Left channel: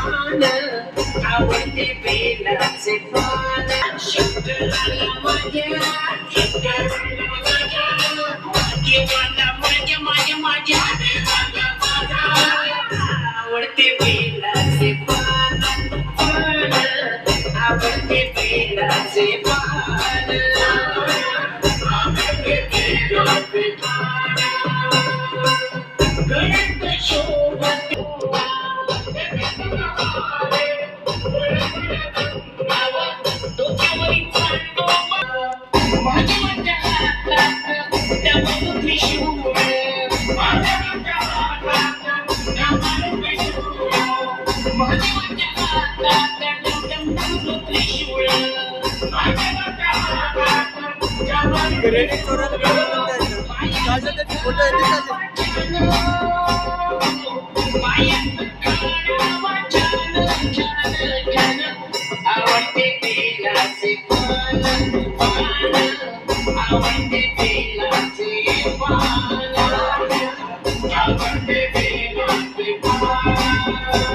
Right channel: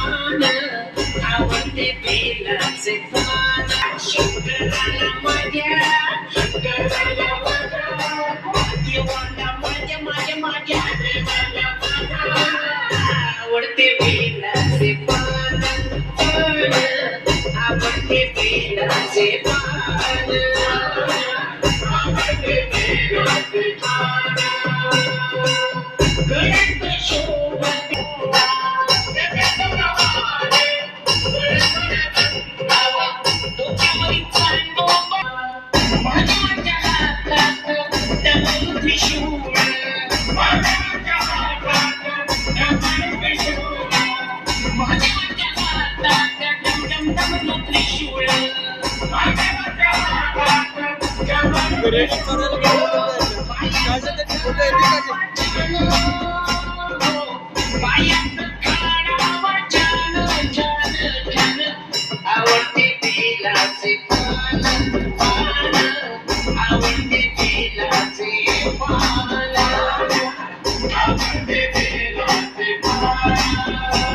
पान आवडते बेलाचे पान शंकराला माझ्या शंकराला माझ्या देवाला माझ्या माझ्या माझ्या देवाला माझ्या आवडते बेलाचे पान पान आवडते बेलाचे पान आवडते बेलाचे पान गळ्यात शोभते डोक्यावरील चांदोबा माझ्या हातात त्यावर त्रिशूळ माझ्या हातात त्यावर त्रिशूळ माझ्या हातात डमडम त्रिशूळ माझ्या हातात क्रेडिट करायला काय त्याचे फोटो येते का आवडते बेलाचे पान पान आवडते बेलाचे पान आवडते बेलाचे पान